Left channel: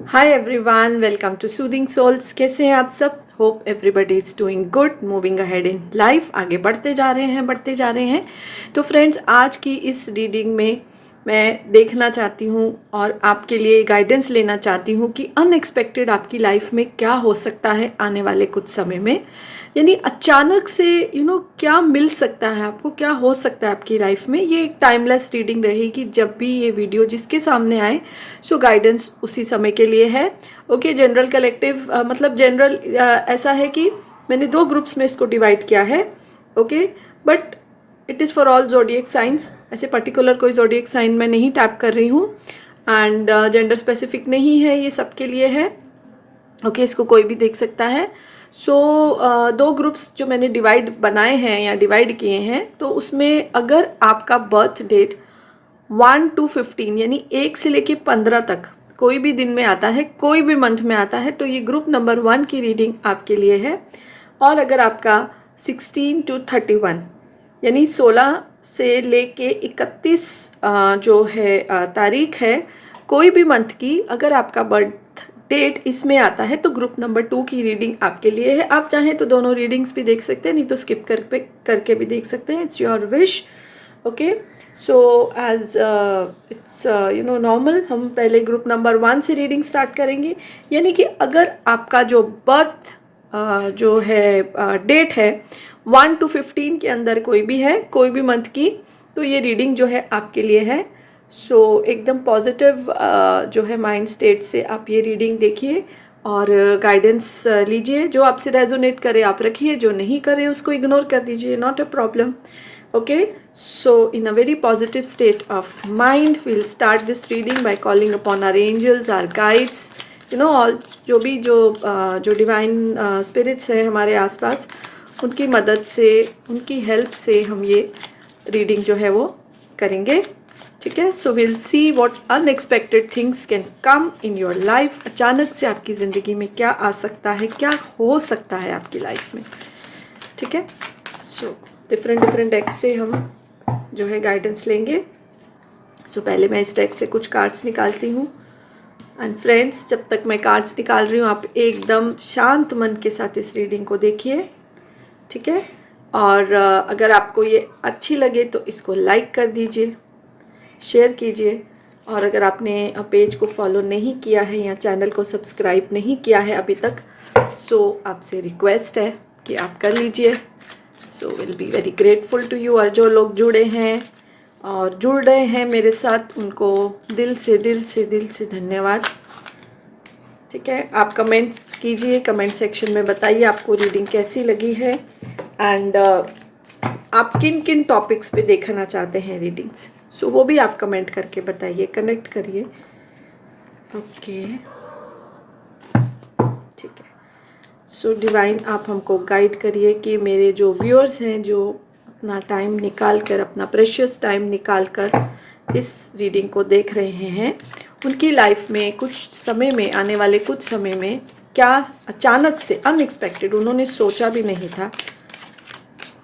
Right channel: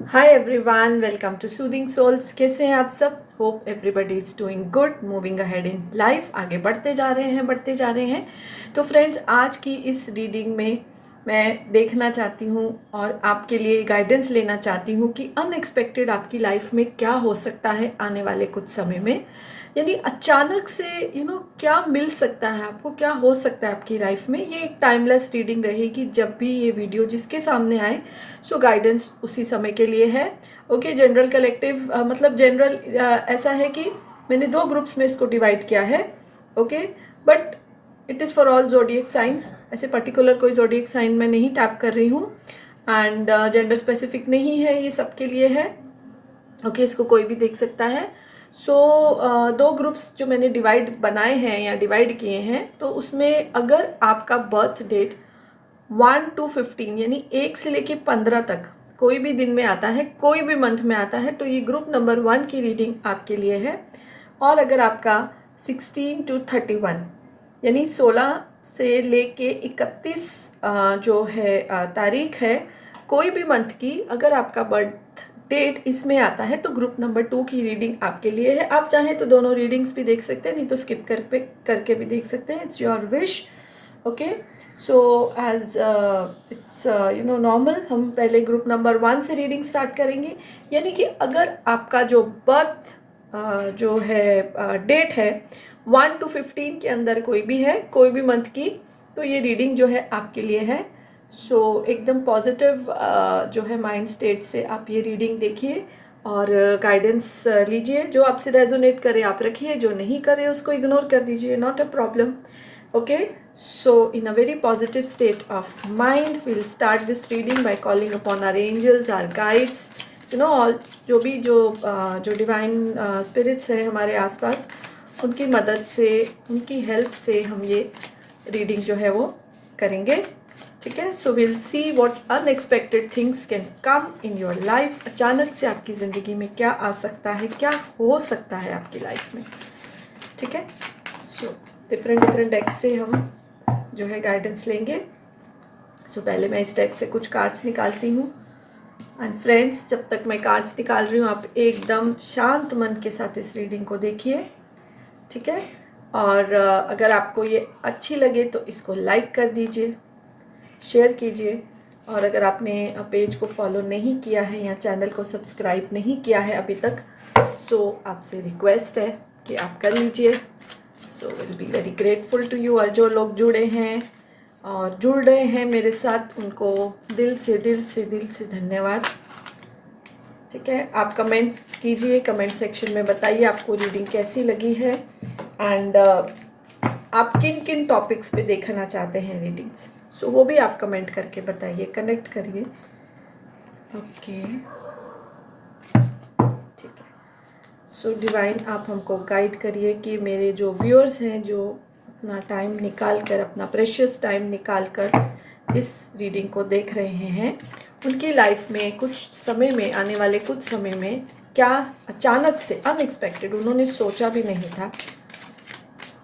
Hi everyone, welcome to soothing souls. कैसे हैं आप सब? Hope everybody is doing good, moving ahead in life. आगे बढ़ते जा रहे हैं। तो फ्रेंड्स, आज की इस रीडिंग में मैं देखना चाहती हूँ और आपके लिए गाइडेंस लेना चाहती हूँ कि अनएक्सपेक्टेड आपकी लाइफ में क्या हो सकता है आने वाले कुछ समय में। यानी अचानक से क्या मिल सकता है आपको, क्या हो सकता है आपकी लाइफ में। ये एक टाइमलेस रीडिंग रहेगी। जब भी ये वीडियो जिसके सामने आए, सो गाइडेंस उसी समय के लिए है। ओके, जनरल कलेक्टिव मतलब जनरल ऐसा है कि मैंने दो ग्रुप्स में इसको डिवाइड किया है। Okay, but it is for all zodiac science. ऐसे पर्टिकुलर कोई जोडियक साइन मैं नहीं टैप कर रही हूँ एंड जेंडर स्पेसिफिक नहीं है, ये सबके लिए है। ओके, इसको कोई भी देख सकता है। सो दो ग्रुप्स जो मैंने बनाए हैं या डिवाइड किए हैं, तो उसमें अगर आपका बर्थ डेट 1 to 15 यानी 1 से लेके 15 तक कोई भी दिन में आता है, कोई भी मंथ में आता है, तो ये ग्रुप नंबर 1 की रीडिंग आपके लिए है। और अगर आपका 16 to 31 यानी 16 से लेके 31 जो है तारीख है कोई भी मंथ की, अगर आपका बर्थ डेट इसमें आता है तो ग्रुप नंबर 2 की रीडिंग आपके लिए है। आप चाहें तो दोनों रीडिंग्स भी देख सकते हैं, नहीं तो स्किप करके भी देख सकते हैं। It's your wish. Okay, so as it's normal, हम पहले ग्रुप नंबर 1 से रीडिंग स्टार्ट करेंगे। यानी कि अगर आपका जो बर्थ जो है डेट है 1 to 15 के अंदर कोई भी है, कोई भी मंथ की, तो ये रीडिंग जो है आपके लिए है। सो एकदम पॉजिटिव जो है माइंड स्टेट से आप ये रीडिंग देखिए और गाइडेंस लीजिए। जो आपसे रेजोनेट करे आप रखिए, जो नहीं करे उसको इग्नोर कर दीजिए, not a problem. Okay, so in a very positive state of mind, we'll start this reading by calling upon our angels, our guides, all जो डिवाइन स्पिरिट्स हैं हमारे आसपास, उनकी मदद से, उनकी हेल्प से हम ये रीडिंग जो है वो करेंगे। ठीक है, so will see what unexpected things can come in your life. अचानक से आपकी ज़िंदगी में क्या आ सकता है, क्या हो सकता है आपकी लाइफ में। ठीक है, सो डिफरेंट डेक से हम जो है गाइडेंस लेंगे। सो पहले मैं इस डेक से कुछ कार्ड्स निकालती हूँ। एंड फ्रेंड्स, जब तक मैं कार्ड्स निकाल रही हूँ, आप एकदम शांत मन के साथ इस रीडिंग को देखिए। ठीक है, और अगर आपको ये अच्छी लगे तो इसको लाइक कर दीजिए, शेयर कीजिए। और अगर आपने पेज को फॉलो नहीं किया है या चैनल को सब्सक्राइब नहीं किया है अभी तक, सो आपसे रिक्वेस्ट है कि आप कर लीजिए। So will be very grateful to you. और जो लोग जुड़े हैं और जुड़ रहे हैं मेरे साथ, उनको दिल से धन्यवाद। ठीक है, आप कमेंट कीजिए, कमेंट सेक्शन में बताइए आपको रीडिंग कैसी लगी है एंड आप किन किन टॉपिक्स पे देखना चाहते हैं रीडिंग्स। सो वो भी आप कमेंट करके बताइए, कनेक्ट करिए। ओके, ठीक है। सो डिवाइन, आप हमको गाइड करिए कि मेरे जो व्यूअर्स हैं, जो अपना टाइम निकाल कर, अपना प्रेशियस टाइम निकाल कर इस रीडिंग को देख रहे हैं, उनकी लाइफ में कुछ समय में, आने वाले कुछ समय में, क्या अचानक से अनएक्सपेक्टेड, उन्होंने सोचा भी नहीं था,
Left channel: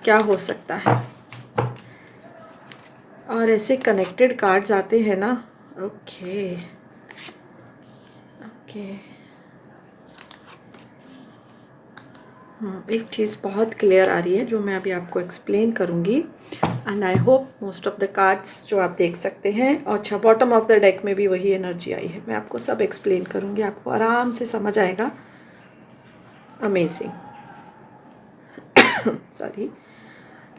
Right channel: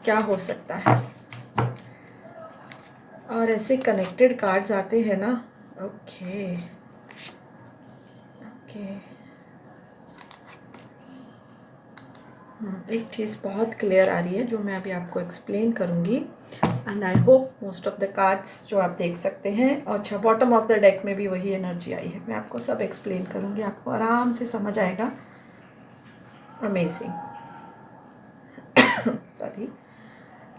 क्या हो सकता है। और ऐसे कनेक्टेड कार्ड्स आते हैं ना। ओके ओके, एक चीज़ बहुत क्लियर आ रही है जो मैं अभी आपको एक्सप्लेन करूँगी and I hope most of the cards जो आप देख सकते हैं। और अच्छा, बॉटम ऑफ द डेक में भी वही एनर्जी आई है। मैं आपको सब एक्सप्लेन करूँगी, आपको आराम से समझ आएगा। अमेजिंग। सॉरी।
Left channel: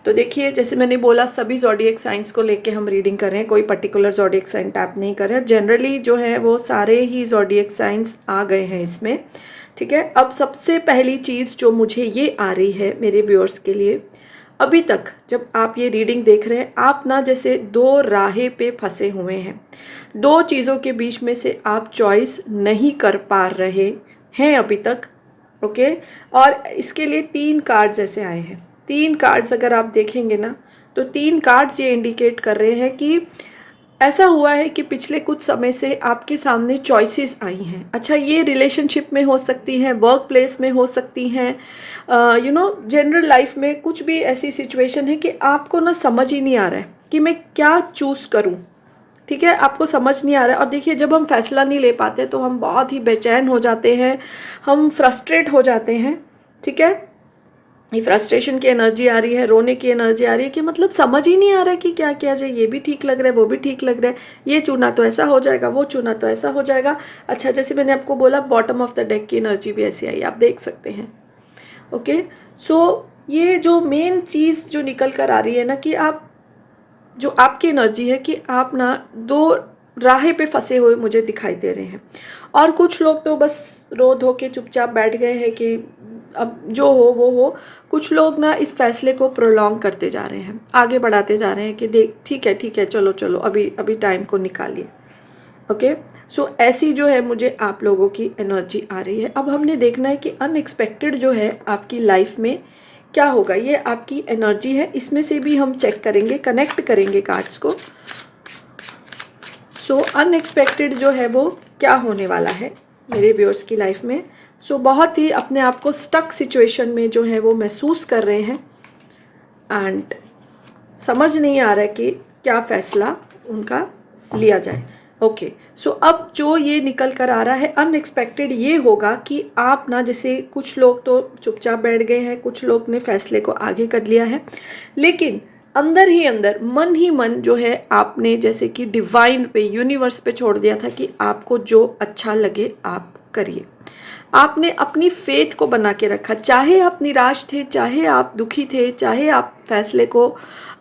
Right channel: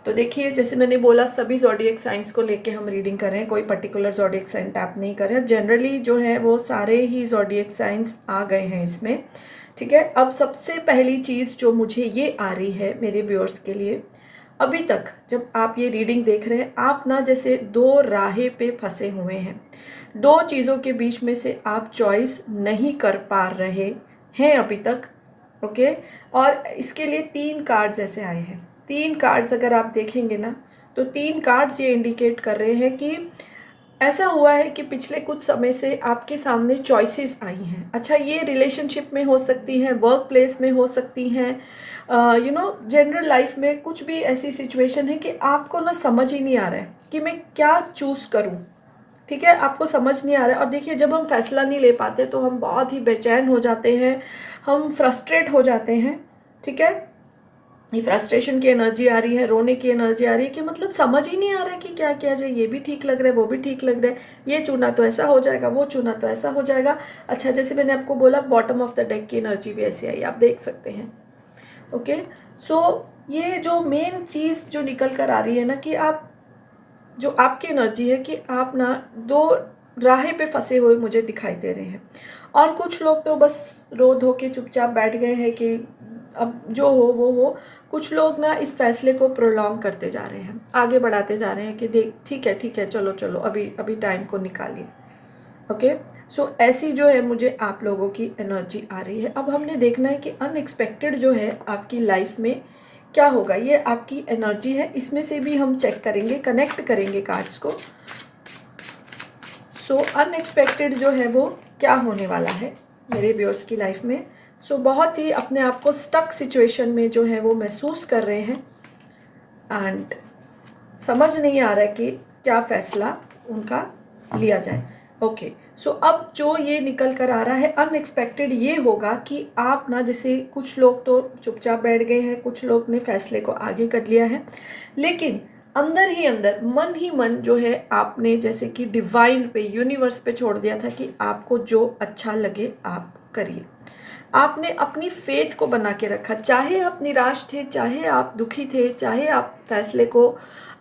तो देखिए, जैसे मैंने बोला, सभी ज़ोडिएक साइंस को लेके हम रीडिंग कर रहे हैं, कोई पर्टिकुलर ज़ोडिएक साइन टैप नहीं कर रहे हैं। जनरली जो है वो सारे ही ज़ोडिएक साइंस आ गए हैं इसमें। ठीक है, अब सबसे पहली चीज़ जो मुझे ये आ रही है मेरे व्यूअर्स के लिए, अभी तक जब आप ये रीडिंग देख रहे हैं, आप ना जैसे दो राहें पे फंसे हुए हैं, दो चीज़ों के बीच में से आप चॉइस नहीं कर पा रहे हैं अभी तक। ओके, और इसके लिए 3 कार्ड्स ऐसे आए हैं। 3 कार्ड्स अगर आप देखेंगे ना, तो 3 कार्ड्स ये इंडिकेट कर रहे हैं कि ऐसा हुआ है कि पिछले कुछ समय से आपके सामने चॉइसेस आई हैं। अच्छा, ये रिलेशनशिप में हो सकती हैं, वर्क प्लेस में हो सकती हैं, जनरल लाइफ में कुछ भी ऐसी सिचुएशन है कि आपको ना समझ ही नहीं आ रहा है कि मैं क्या चूज़ करूं। ठीक है, आपको समझ नहीं आ रहा है। और देखिए जब हम फैसला नहीं ले पाते तो हम बहुत ही बेचैन हो जाते हैं, हम फ्रस्ट्रेट हो जाते हैं। ठीक है, ये फ्रस्ट्रेशन की एनर्जी आ रही है, रोने की एनर्जी आ रही है कि मतलब समझ ही नहीं आ रहा है कि क्या किया जाए, ये भी ठीक लग रहा है, वो भी ठीक लग रहा है, ये चुना तो ऐसा हो जाएगा, वो चुना तो ऐसा हो जाएगा। अच्छा, जैसे मैंने आपको बोला बॉटम ऑफ द डेक की एनर्जी भी ऐसी आई, आप देख सकते हैं। ओके, सो ये जो मेन चीज़ जो निकल कर आ रही है ना कि आप जो आपकी एनर्जी है कि आप ना दो राह पे फंसे हुए मुझे दिखाई दे रहे हैं। और कुछ लोग तो बस रो धो के चुपचाप बैठ गए हैं कि अब जो हो वो हो। कुछ लोग ना इस फैसले को प्रोलॉन्ग करते जा रहे हैं, आगे बढ़ाते जा रहे हैं कि देख ठीक है चलो चलो अभी अभी टाइम को निकालिए। ओके, सो ऐसी जो है मुझे आप लोगों की एनर्जी आ रही है। अब हमने देखना है कि अनएक्सपेक्टेड जो है आपकी लाइफ में क्या होगा। ये आपकी एनर्जी है, इसमें से भी हम चेक करेंगे, कनेक्ट करेंगे कार्ड्स को। सो अनएक्सपेक्टेड जो है वो क्या होने वाला है मेरे व्यूअर्स की लाइफ में। सो बहुत ही अपने आप को स्टक सिचुएशन में जो है वो महसूस कर रहे हैं एंड समझ नहीं आ रहा है कि क्या फैसला उनका लिया जाए। ओके, सो अब जो ये निकल कर आ रहा है अनएक्सपेक्टेड ये होगा कि आप ना, जैसे कुछ लोग तो चुपचाप बैठ गए हैं, कुछ लोग ने फैसले को आगे कर लिया है, लेकिन अंदर ही अंदर मन ही मन जो है आपने जैसे कि डिवाइन पे, यूनिवर्स पे छोड़ दिया था कि आपको जो अच्छा लगे आप करिए। आपने अपनी फेथ को बना के रखा, चाहे आप निराश थे, चाहे आप दुखी थे, चाहे आप फैसले को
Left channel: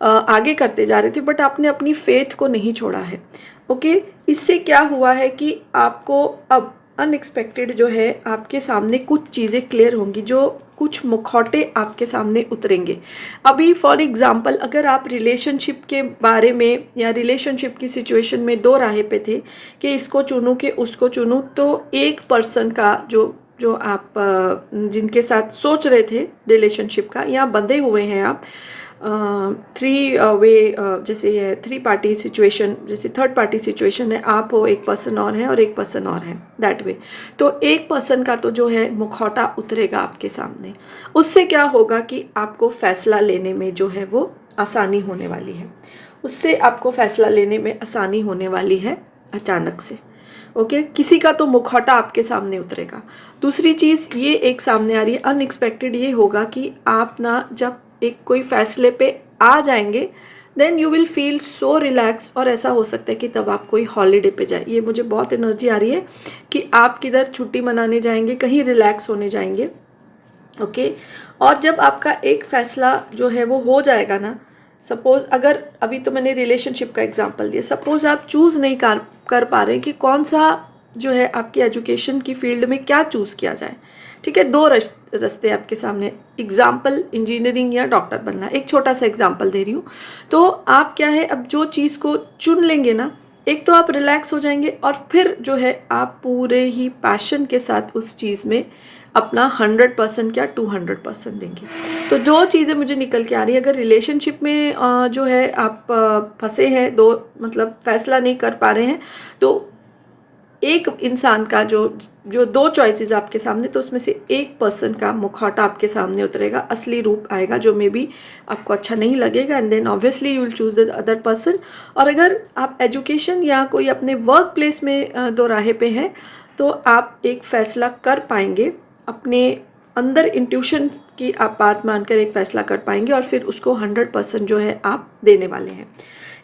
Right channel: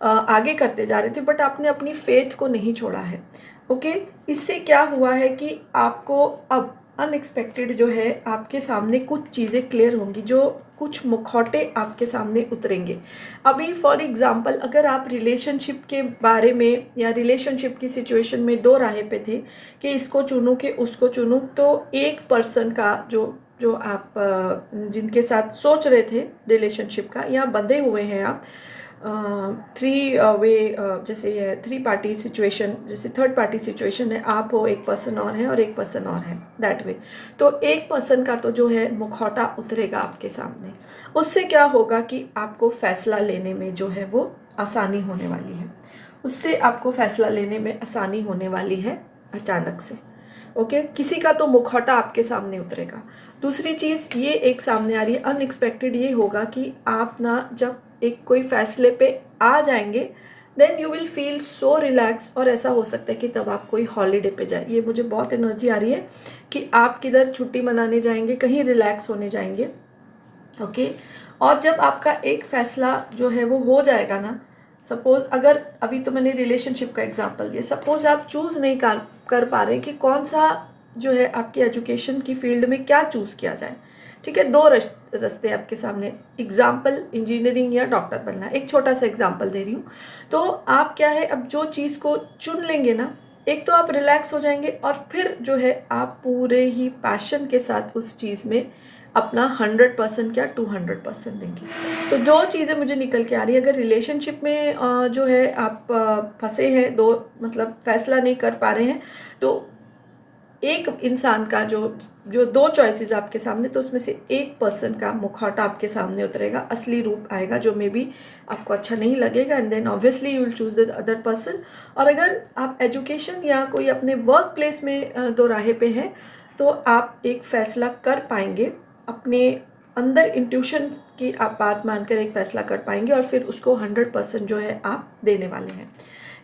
आगे करते जा रहे थे, बट आपने अपनी फेथ को नहीं छोड़ा है। ओके, इससे क्या हुआ है कि आपको अब अनएक्सपेक्टेड जो है आपके सामने कुछ चीज़ें क्लियर होंगी, जो कुछ मुखौटे आपके सामने उतरेंगे। अभी फॉर एग्जांपल अगर आप रिलेशनशिप के बारे में या रिलेशनशिप की सिचुएशन में दो राह पे थे कि इसको चुनूं कि उसको चुनूं, तो एक पर्सन का जो जो आप जिनके साथ सोच रहे थे रिलेशनशिप का, या बंधे हुए हैं आप थ्री वे, जैसे है थ्री पार्टी सिचुएशन, जैसे थर्ड पार्टी सिचुएशन है, आप हो, एक पर्सन और है और एक पर्सन और है, दैट वे। तो एक पर्सन का तो जो है मुखौटा उतरेगा आपके सामने। उससे क्या होगा कि आपको फैसला लेने में जो है वो आसानी होने वाली है, उससे आपको फैसला लेने में आसानी होने वाली है अचानक से। ओके, किसी का तो मुखौटा आपके सामने उतरेगा। दूसरी चीज़ ये एक सामने आ रही है अनएक्सपेक्टेड, ये होगा कि आप ना जब एक कोई फैसले पे आ जाएंगे then you will feel so relax, और ऐसा हो सकता है कि तब आप कोई हॉलीडे पे जाए। ये मुझे बहुत एनर्जी आ रही है कि आप किधर छुट्टी मनाने जाएंगे, कहीं रिलैक्स होने जाएंगे। ओके, और जब आपका एक फैसला जो है वो हो जाएगा ना, सपोज अगर अभी तो मैंने रिलेशनशिप का एग्जांपल दिया, सपोज आप चूज़ नहीं कर पा रहे कि कौन सा जो है आपकी एजुकेशन की फील्ड में क्या चूज़ किया जाए। ठीक है, दो रास्ते आपके सामने, एग्जाम्पल इंजीनियरिंग या डॉक्टर बनना, एक छोटा सा एग्जाम्पल दे रही हूँ। तो आप क्या है, अब जो चीज़ को चुन लेंगे ना, एक तो आप रिलैक्स हो जाएंगे और फिर जो है आप पूरे ही पैशन के साथ उस चीज़ में अपना 100% क्या 200% देंगे। तो दो चीज़ें मुझे निकल के आ रही है। अगर रिलेशनशिप में जो है आप फंसे हैं, दो मतलब फैसला नहीं कर पा रहे हैं, तो एक इंसान का जो जो दो चॉइसेस आपके सामने, तो उसमें से एक पर्सन का मुखौटा आपके सामने उतरेगा, असली रूप आएगा जो मे बी आपको अच्छा नहीं लगेगा, and then obviously you will choose the other person. और अगर आप एजुकेशन या कोई अपने वर्क प्लेस में दो राह पे हैं, तो आप एक फैसला कर पाएंगे, अपने अंदर इंट्यूशन की आप बात मानकर एक फैसला कर पाएंगे और फिर उसको 100% जो है आप देने वाले हैं।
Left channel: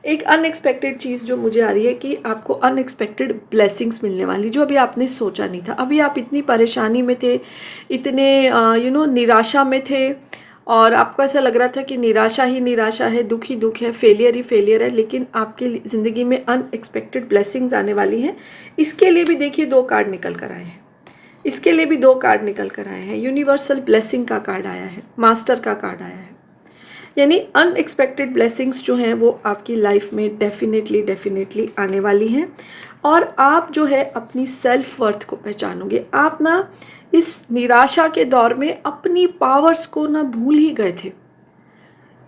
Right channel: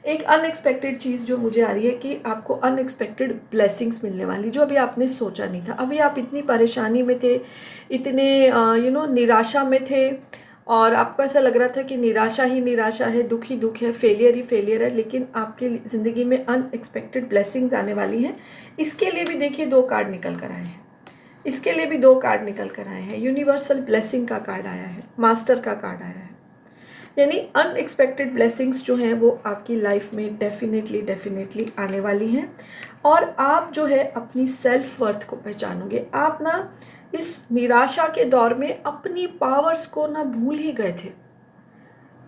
एक अनएक्सपेक्टेड चीज़ जो मुझे आ रही है कि आपको अनएक्सपेक्टेड ब्लेसिंग्स मिलने वाली, जो अभी आपने सोचा नहीं था। अभी आप इतनी परेशानी में थे, इतने निराशा में थे, और आपको ऐसा लग रहा था कि निराशा ही निराशा है, दुख ही दुख है, फेलियर ही फेलियर है, लेकिन आपकी ज़िंदगी में अनएक्सपेक्टेड ब्लेसिंग्स आने वाली हैं। इसके लिए भी देखिए दो कार्ड निकल कर आए हैं, इसके लिए भी दो कार्ड निकल कर आए हैं। यूनिवर्सल ब्लेसिंग का कार्ड आया है, मास्टर का कार्ड आया है। यानी अनएक्सपेक्टेड ब्लेसिंग्स जो हैं वो आपकी लाइफ में डेफिनेटली आने वाली हैं, और आप जो है अपनी सेल्फ वर्थ को पहचानोगे। आप ना इस निराशा के दौर में अपनी पावर्स को ना भूल ही गए थे,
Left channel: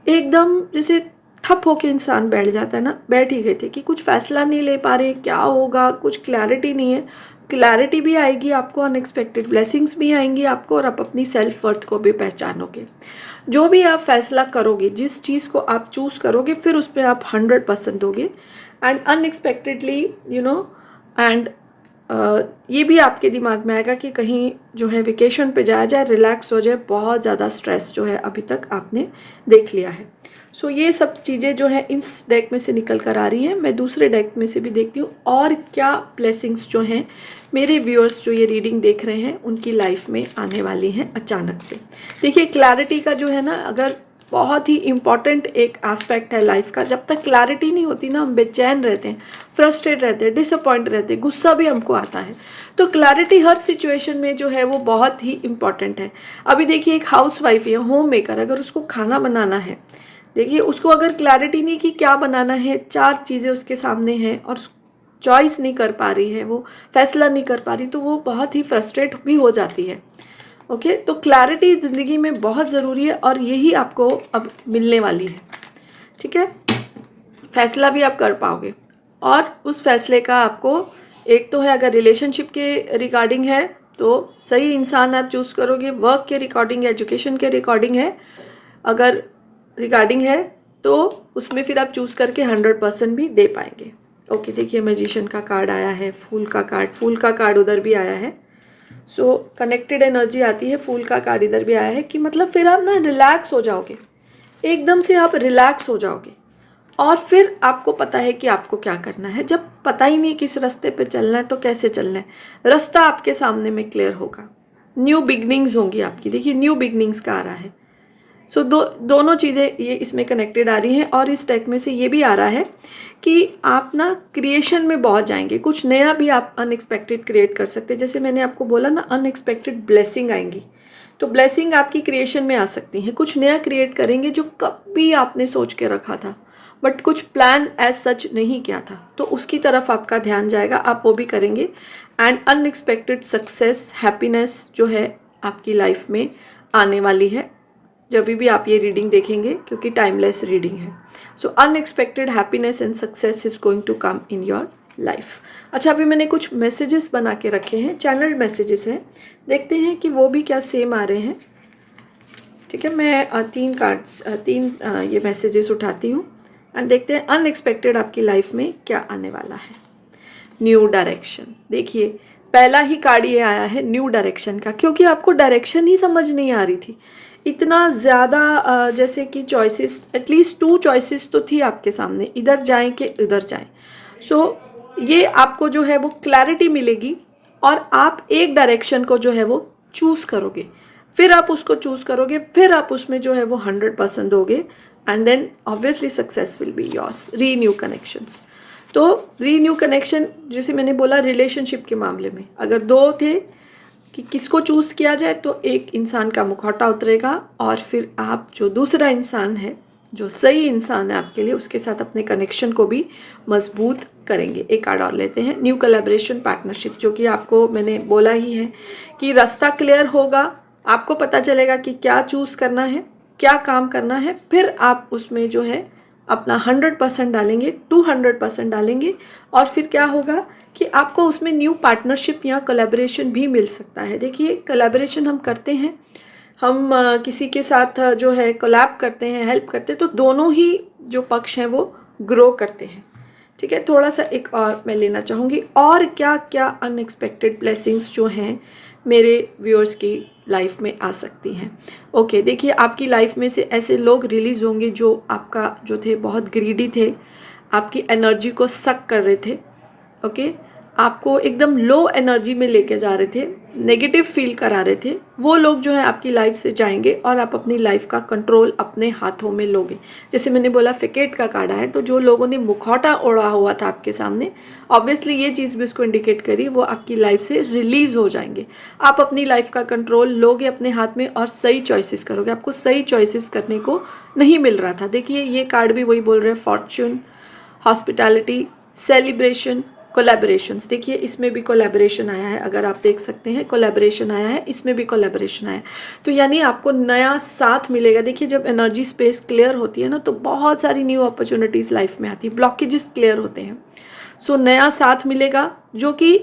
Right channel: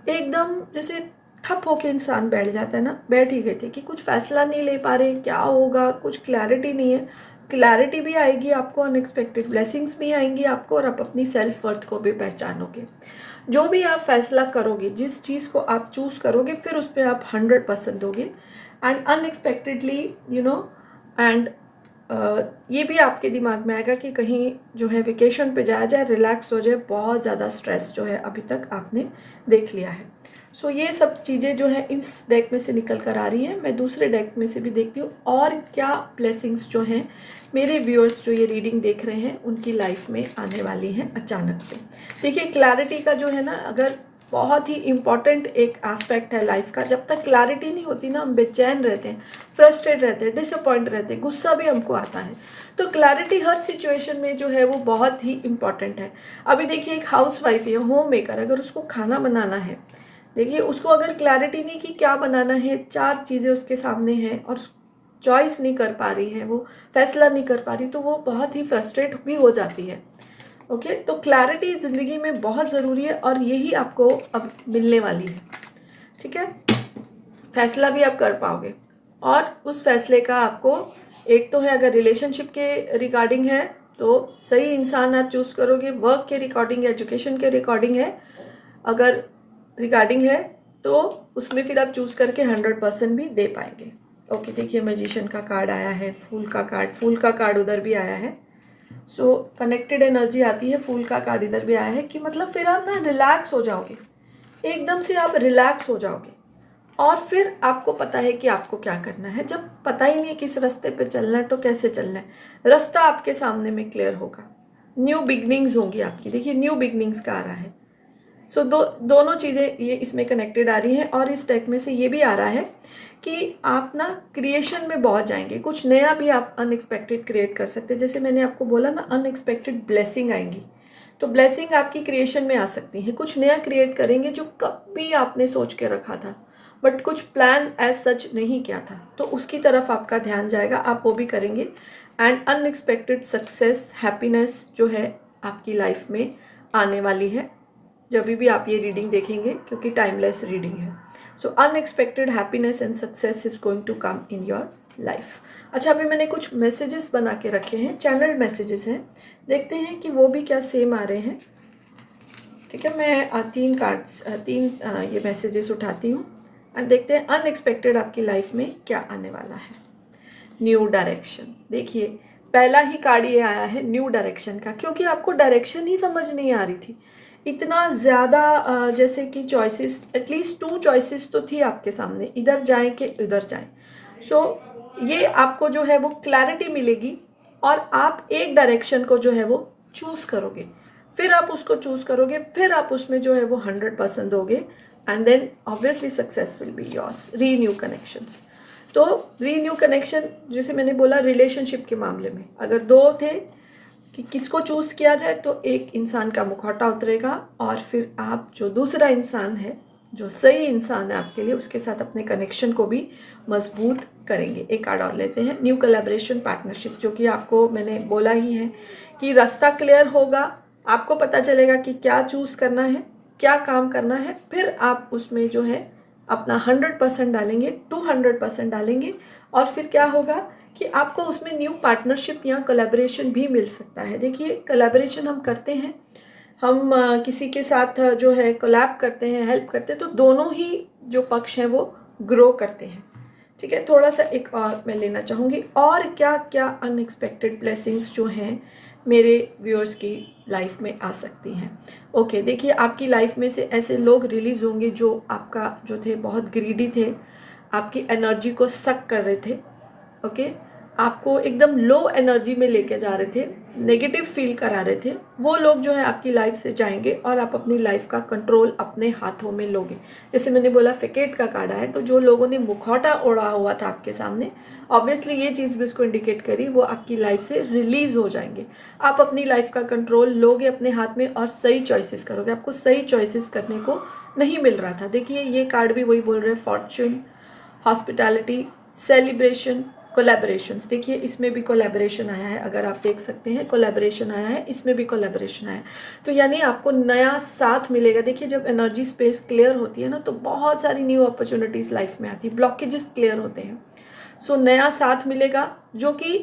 एकदम जैसे ठप होके इंसान बैठ जाता है ना, बैठ ही गए थे कि कुछ फैसला नहीं ले पा रहे, क्या होगा, कुछ क्लैरिटी नहीं है। क्लैरिटी भी आएगी आपको, अनएक्सपेक्टेड ब्लेसिंग्स भी आएंगी आपको, और आप अपनी सेल्फ वर्थ को भी पहचानोगे। जो भी आप फैसला करोगे, जिस चीज़ को आप चूज़ करोगे, फिर उस पर आप 100% दोगे। एंड अनएक्सपेक्टेडली एंड ये भी आपके दिमाग में आएगा कि कहीं जो है वेकेशन पे जाया जाए, रिलैक्स हो जाए, बहुत ज़्यादा स्ट्रेस जो है अभी तक आपने देख लिया है। सो ये सब चीज़ें जो है इस डेक में से निकल कर आ रही हैं। मैं दूसरे डेक में से भी देखती हूँ और क्या ब्लेसिंग्स जो हैं मेरे व्यूअर्स जो ये रीडिंग देख रहे हैं उनकी लाइफ में आने वाली हैं अचानक से। देखिए क्लैरिटी का जो है ना, अगर बहुत ही इम्पॉर्टेंट एक एस्पेक्ट है लाइफ का, जब तक क्लैरिटी नहीं होती ना हम बेचैन रहते हैं, फ्रस्ट्रेट रहते हैं, डिसअपॉइंट रहते हैं, गुस्सा भी हमको आता है। तो क्लैरिटी हर सिचुएशन में जो है वो बहुत ही इम्पॉर्टेंट है। अभी देखिए एक हाउस वाइफ या होम मेकर, अगर उसको खाना बनाना है, देखिए उसको अगर क्लैरिटी नहीं कि क्या बनाना है, 4 चीज़ें उसके सामने हैं और चॉइस नहीं कर पा रही है, वो फैसला नहीं कर पा रही, तो वो बहुत ही फ्रस्ट्रेट भी हो जाती है। ओके, तो क्लैरिटी ज़िंदगी में बहुत ज़रूरी है और यही आपको अब मिलने वाली है। ठीक है, फैसला भी आप कर पाओगे और उस फैसले का आपको, एक तो है अगर रिलेशनशिप के रिगार्डिंग है तो सही इंसान आप चूज़ करोगे, वर्क के रिकॉर्डिंग, एजुकेशन के रिकॉर्डिंग है अगर रिगार्डिंग है तो उसमें फिर आप चूज़ करके 100% भी दे पाएंगे। ओके, देखिए मैजिशियन का कार्ड आया है, फूल का कार्ड उधर भी आया है। सो कनेक्टेड एनर्जी आती है, फूल का कार्ड इधर भी आया है कि मतलब फिर आप ना रिलैक्स हो जाओगे, एकदम से आप रिलैक्स हो जाओगे और फिर आपको पता है कि आपको क्या करना है। जब पता ही नहीं किस रास्ते पे चलना है तो कैसे चलना है, रास्ता आपके सामने में क्लियर होगा, न्यू बिगनिंग्स होंगी आपकी। देखिए न्यू बिगनिंग्स का आ रहा है। सो दोनों चीज़ें ये इसमें कनेक्टेड आ रही हैं और इस डेक में से ये भी आ रहा है कि आप ना क्रिएशन में बहुत जाएंगे, कुछ नया भी आप अनएक्सपेक्टेड क्रिएट कर सकते हैं। जैसे मैंने आपको बोला ना, अनएक्सपेक्टेड ब्लेसिंग आएंगी, तो ब्लेसिंग आपकी क्रिएशन में आ सकती हैं। कुछ नया क्रिएट करेंगे जो कभी आपने सोच के रखा था बट कुछ प्लान एज सच नहीं किया था, तो उसकी तरफ आपका ध्यान जाएगा, आप वो भी करेंगे। एंड अनएक्सपेक्टेड सक्सेस, हैप्पीनेस जो है आपकी लाइफ में आने वाली है जब भी आप ये रीडिंग देखेंगे, क्योंकि टाइमलेस रीडिंग है। So unexpected happiness and success is going to come in your life. अच्छा, अभी मैंने कुछ मैसेजेस बना के रखे हैं, चैनल मैसेजेस हैं, देखते हैं कि वो भी क्या सेम आ रहे हैं। ठीक है, मैं तीन ये मैसेजेस उठाती हूँ एंड देखते हैं अनएक्सपेक्टेड आपकी लाइफ में क्या आने वाला है। न्यू डायरेक्शन, देखिए पहला ही कार्ड ये आया है न्यू डायरेक्शन का, क्योंकि आपको डायरेक्शन ही समझ नहीं आ रही थी। इतना ज़्यादा जैसे कि चॉइसेस, एटलीस्ट 2 चॉइसेस तो थी आपके सामने, इधर जाएं कि इधर जाएं। सो ये आपको जो है वो क्लैरिटी मिलेगी और आप एक डायरेक्शन को जो है वो चूज़ करोगे, फिर आप उसको चूज़ करोगे, फिर आप उसमें जो है वो 100% दोगे and then obviously success will be yours. Renew connections, तो रीन्यू कनेक्शन जैसे मैंने बोला रिलेशनशिप के मामले में अगर 2 थे कि किसको चूज़ किया जाए, तो एक इंसान का मुखौटा उतरेगा और फिर आप जो दूसरा इंसान है, जो सही इंसान है आपके लिए, उसके साथ अपने कनेक्शन को भी मजबूत करेंगे। एक कार्ड और लेते हैं, न्यू कोलैबोरेशन पार्टनरशिप, जो कि आपको मैंने बोला ही है कि रास्ता क्लियर होगा, आपको पता चलेगा कि क्या चूज़ करना है, क्या काम करना है, फिर आप उसमें जो है अपना 100% डालेंगे, 200% डालेंगे और फिर क्या होगा कि आपको उसमें न्यू पार्टनरशिप या कोलैबोरेशन भी मिल सकता है। देखिए कोलैबोरेशन हम करते हैं, हम किसी के साथ जो है कोलैब करते हैं, हेल्प करते हैं, तो दोनों ही जो पक्ष हैं वो ग्रो करते हैं। ठीक है, थोड़ा सा एक और मैं लेना चाहूँगी, और क्या क्या अनएक्सपेक्टेड ब्लेसिंग्स जो हैं मेरे व्यूअर्स की लाइफ में आ सकती हैं। ओके, देखिए आपकी लाइफ में से ऐसे लोग रिलीज़ होंगे जो आपका जो थे बहुत ग्रीडी थे, आपकी एनर्जी को सक कर रहे थे। ओके, आपको एकदम लो एनर्जी में लेके जा रहे थे, नेगेटिव फील करा रहे थे, वो लोग जो है आपकी लाइफ से जाएंगे और आप अपनी लाइफ का कंट्रोल अपने हाथों में लोगे। जैसे मैंने बोला फिकेट का कार्ड है, तो जो लोगों ने मुखौटा ओढ़ा हुआ था आपके सामने, ऑब्वियसली ये चीज़ भी उसको इंडिकेट करी, वो आपकी लाइफ से रिलीज़ हो जाएंगे। आप अपनी लाइफ का कंट्रोल लोगे अपने हाथ में और सही चॉइसेस करोगे। आपको सही चॉइसेस करने को नहीं मिल रहा था। देखिए ये कार्ड भी वही बोल रहे हैं, फॉर्च्यून, हॉस्पिटैलिटी, सेलिब्रेशन, कोलैबोरेशंस। देखिए इसमें भी कोलैबोरेशन आया है, अगर आप देख सकते हैं कोलैबोरेशन आया है, इसमें भी कोलैबोरेशन आया है, तो यानी आपको नया साथ मिलेगा। देखिए जब एनर्जी स्पेस क्लियर होती है ना, तो बहुत सारी न्यू अपॉर्चुनिटीज़ लाइफ में आती है, ब्लॉकेजेस क्लियर होते हैं। सो नया साथ मिलेगा जो कि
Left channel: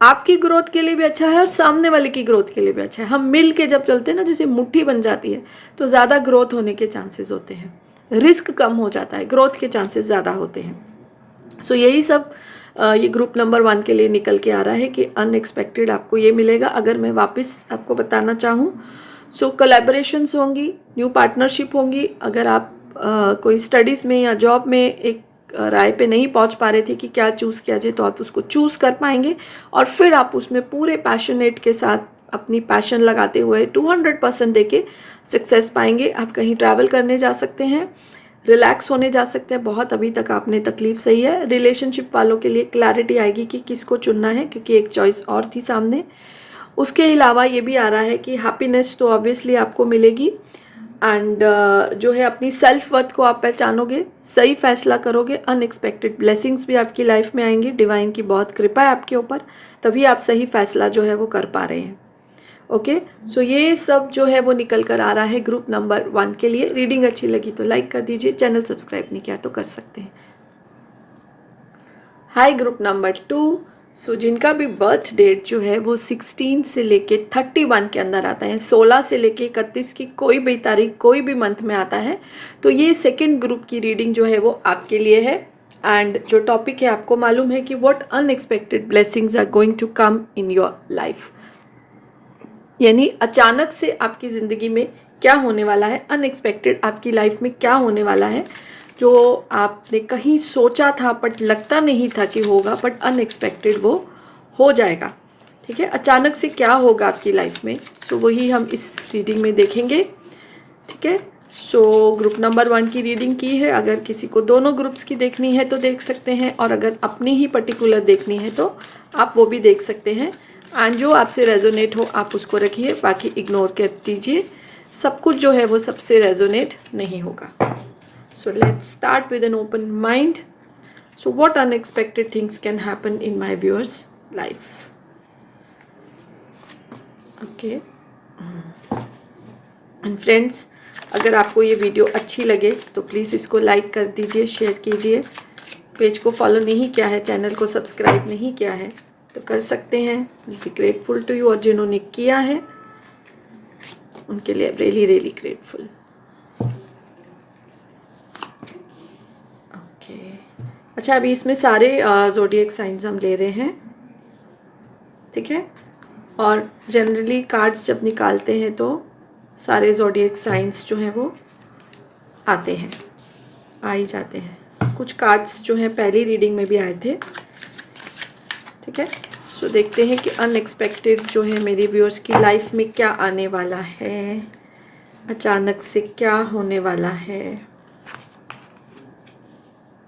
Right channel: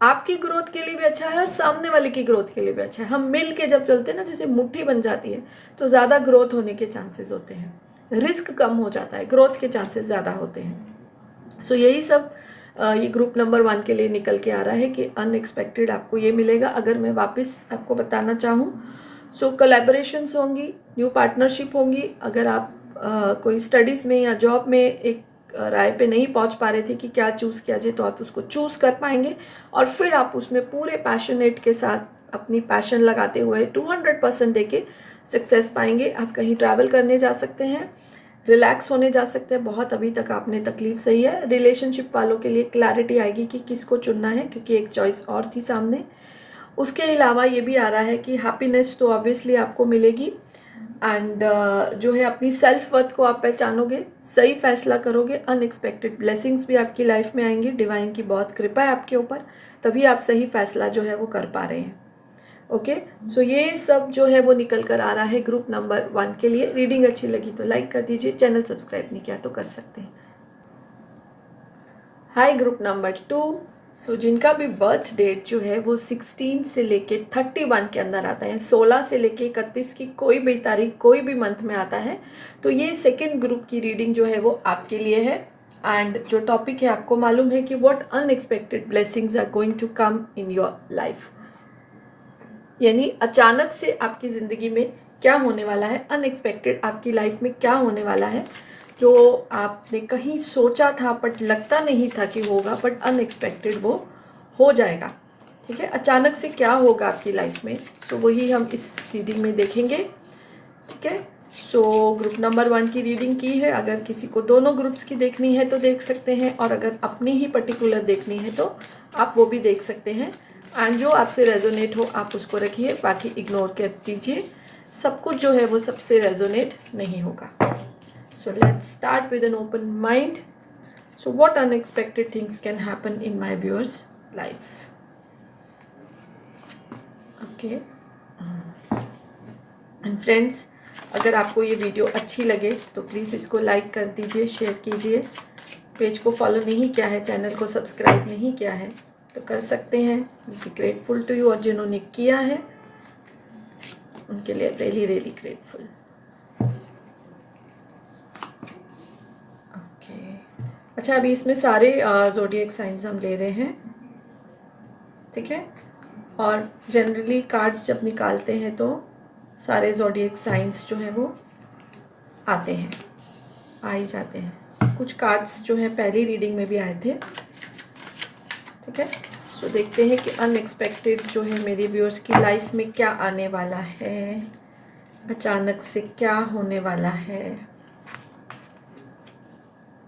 आपकी ग्रोथ के लिए भी अच्छा है और सामने वाले की ग्रोथ के लिए भी अच्छा है। हम मिल के जब चलते हैं ना, जैसे मुट्ठी बन जाती है, तो ज़्यादा ग्रोथ होने के चांसेस होते हैं, रिस्क कम हो जाता है, ग्रोथ के चांसेस ज़्यादा होते हैं। सो यही सब ये ग्रुप नंबर 1 के लिए निकल के आ रहा है कि अनएक्सपेक्टेड आपको ये मिलेगा। अगर मैं वापस आपको बताना चाहूँ, सो कोलैबोरेशंस होंगी, न्यू पार्टनरशिप होंगी। अगर आप कोई स्टडीज़ में या जॉब में एक राय पे नहीं पहुंच पा रहे थे कि क्या चूज़ किया जाए, तो आप उसको चूज़ कर पाएंगे और फिर आप उसमें पूरे पैशनेट के साथ अपनी पैशन लगाते हुए 200% देके सक्सेस पाएंगे। आप कहीं ट्रैवल करने जा सकते हैं, रिलैक्स होने जा सकते हैं। बहुत अभी तक आपने तकलीफ सही है। रिलेशनशिप वालों के लिए क्लैरिटी आएगी कि किसको चुनना है, क्योंकि एक चॉइस और थी सामने। उसके अलावा ये भी आ रहा है कि हैप्पीनेस तो ऑब्वियसली आपको मिलेगी एंड जो है अपनी सेल्फ वर्थ को आप पहचानोगे, सही फैसला करोगे, अनएक्सपेक्टेड ब्लेसिंग्स भी आपकी लाइफ में आएंगी। डिवाइन की बहुत कृपा है आपके ऊपर, तभी आप सही फैसला जो है वो कर पा रहे हैं। ओके, सो ये सब जो है वो निकल कर आ रहा है ग्रुप नंबर 1 के लिए। रीडिंग अच्छी लगी तो लाइक कर दीजिए, चैनल सब्सक्राइब नहीं किया तो कर सकते हैं। हाय ग्रुप नंबर 2, सो जिनका भी बर्थ डेट जो है वो 16 से लेके 31 के अंदर आता है, 16 से लेके 31 की कोई भी तारीख कोई भी मंथ में आता है, तो ये सेकेंड ग्रुप की रीडिंग जो है वो आपके लिए है। एंड जो टॉपिक है आपको मालूम है कि what unexpected blessings are going to come in your life, यानी अचानक से आपकी ज़िंदगी में क्या होने वाला है, अनएक्सपेक्टेड आपकी लाइफ में क्या होने वाला है, जो आपने कहीं सोचा था बट लगता नहीं था कि होगा, बट अनएक्सपेक्टेड वो हो जाएगा। ठीक है, अचानक से क्या होगा आपकी लाइफ में, सो वही हम इस रीडिंग में देखेंगे। ठीक है, सो ग्रुप नंबर 1 की रीडिंग की है। अगर किसी को दोनों ग्रुप्स की देखनी है तो देख सकते हैं, और अगर अपनी ही पर्टिकुलर देखनी है तो आप वो भी देख सकते हैं। एंड जो आपसे रेजोनेट हो आप उसको रखिए, बाकी इग्नोर कर दीजिए। सब कुछ जो है वो सबसे रेजोनेट नहीं होगा। So let's start with an open mind. So what unexpected things can happen in my viewers life. Okay and friends, अगर आपको ये वीडियो अच्छी लगे तो प्लीज़ इसको लाइक कर दीजिए, शेयर कीजिए। पेज को फॉलो नहीं किया है, चैनल को सब्सक्राइब नहीं किया है तो कर सकते हैं। बी ग्रेटफुल टू यू, और जिन्होंने किया है उनके लिए रियली रियली ग्रेटफुल। ओके, अच्छा अभी इसमें सारे ज़ोडिएक साइंस हम ले रहे हैं। ठीक है, और जनरली कार्ड्स जब निकालते हैं तो सारे ज़ोडिएक साइंस जो हैं वो आते हैं, आ ही जाते हैं। कुछ कार्ड्स जो हैं पहली रीडिंग में भी आए थे। ठीक है, सो देखते हैं कि अनएक्सपेक्टेड जो है मेरी व्यूअर्स की लाइफ में क्या आने वाला है, अचानक से क्या होने वाला है।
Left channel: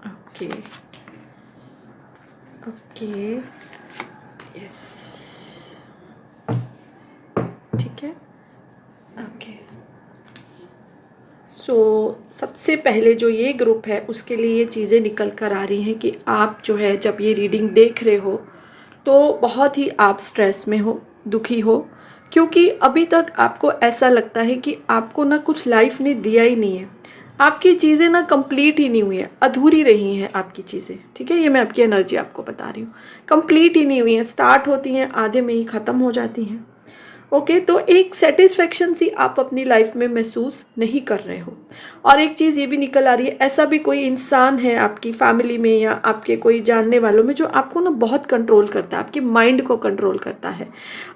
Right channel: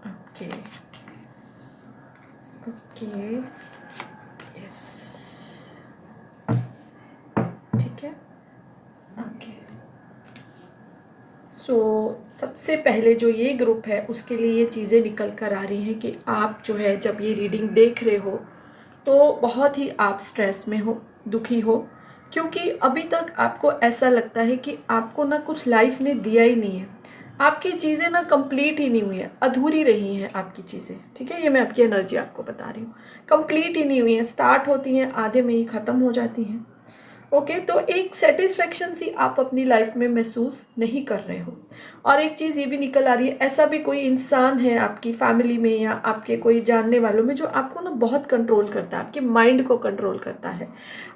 ओके ओके, यस, ठीक है। ओके, सो सबसे पहले जो ये ग्रुप है उसके लिए ये चीज़ें निकल कर आ रही हैं कि आप जो है जब ये रीडिंग देख रहे हो तो बहुत ही आप स्ट्रेस में हो, दुखी हो, क्योंकि अभी तक आपको ऐसा लगता है कि आपको ना कुछ लाइफ ने दिया ही नहीं है। आपकी चीज़ें ना कंप्लीट ही नहीं हुई है, अधूरी रही हैं आपकी चीज़ें। ठीक है, ये मैं आपकी एनर्जी आपको बता रही हूँ, कंप्लीट ही नहीं हुई है, स्टार्ट होती हैं आधे में ही ख़त्म हो जाती हैं। ओके, तो एक सेटिस्फेक्शन सी आप अपनी लाइफ में महसूस नहीं कर रहे हो। और एक चीज़ ये भी निकल आ रही है, ऐसा भी कोई इंसान है आपकी फैमिली में या आपके कोई जानने वालों में जो आपको ना बहुत कंट्रोल करता है, आपके माइंड को कंट्रोल करता है।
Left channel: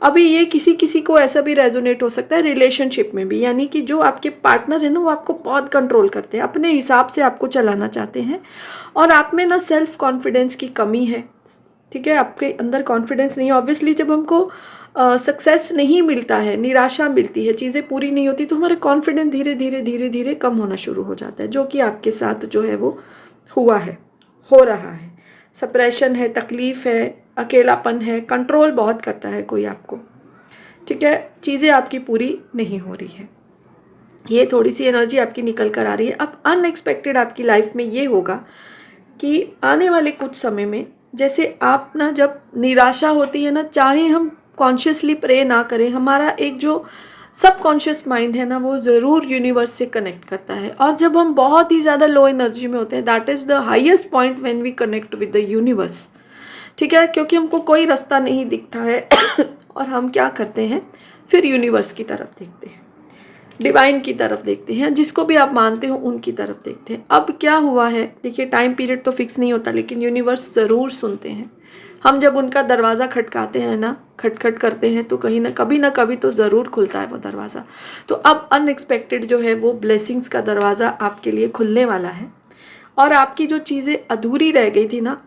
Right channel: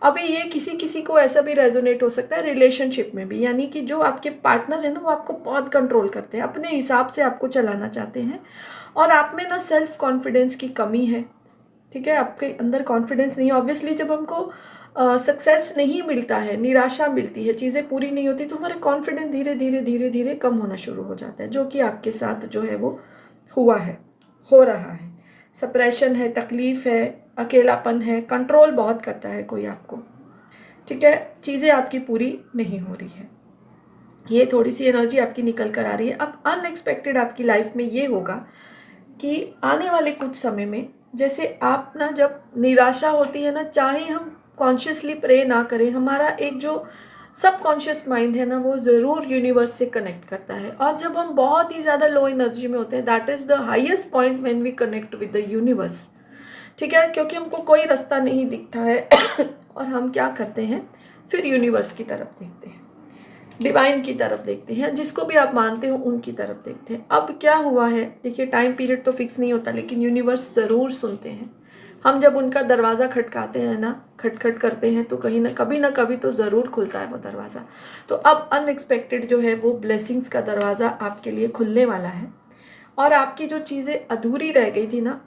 अभी ये किसी किसी को ऐसा भी रेजोनेट हो सकता है रिलेशनशिप में भी, यानी कि जो आपके पार्टनर है ना वो आपको बहुत कंट्रोल करते हैं, अपने हिसाब से आपको चलाना चाहते हैं, और आप में ना सेल्फ कॉन्फिडेंस की कमी है। ठीक है, आपके अंदर कॉन्फिडेंस नहीं है। ऑब्वियसली जब हमको सक्सेस नहीं मिलता है, निराशा मिलती है, चीज़ें पूरी नहीं होती, तो हमारा कॉन्फिडेंस धीरे धीरे धीरे धीरे कम होना शुरू हो जाता है, जो कि आपके साथ जो है वो हुआ है, हो रहा है। सप्रेशन है, तकलीफ़ है, अकेलापन है, कंट्रोल बहुत करता है कोई आपको। ठीक है, चीज़ें आपकी पूरी नहीं हो रही है, ये थोड़ी सी एनर्जी आपकी निकल कर आ रही है। अब अनएक्सपेक्टेड आपकी लाइफ में ये होगा कि आने वाले कुछ समय में, जैसे आप ना जब निराशा होती है ना, चाहे हम कॉन्शियसली प्रे ना करें, हमारा एक जो सबकॉन्शियस माइंड है ना वो ज़रूर यूनिवर्स से कनेक्ट करता है। और जब हम बहुत ही ज़्यादा लो एनर्जी में होते हैं, that is the highest point when we connect with the universe. ठीक है, क्योंकि हमको कोई रास्ता नहीं दिखता है और हम क्या करते हैं, फिर यूनिवर्स की तरफ देखते हैं। डिवाइन की तरफ देखते हैं, जिसको भी आप मानते हो उनकी तरफ देखते हैं। अब क्या हुआ है, देखिए टाइम पीरियड तो फिक्स नहीं होता, लेकिन यूनिवर्स ज़रूर सुनते हैं। हम जब उनका दरवाज़ा खटकाते हैं ना, खटखट करते हैं, तो कहीं ना कभी तो ज़रूर खुलता है वो दरवाज़ा। तो अब अनएक्सपेक्टेड जो है वो ब्लेसिंग्स का दरवाज़ा आपके लिए खुलने वाला है। और आपकी जो चीज़ें अधूरी रह गई थी ना,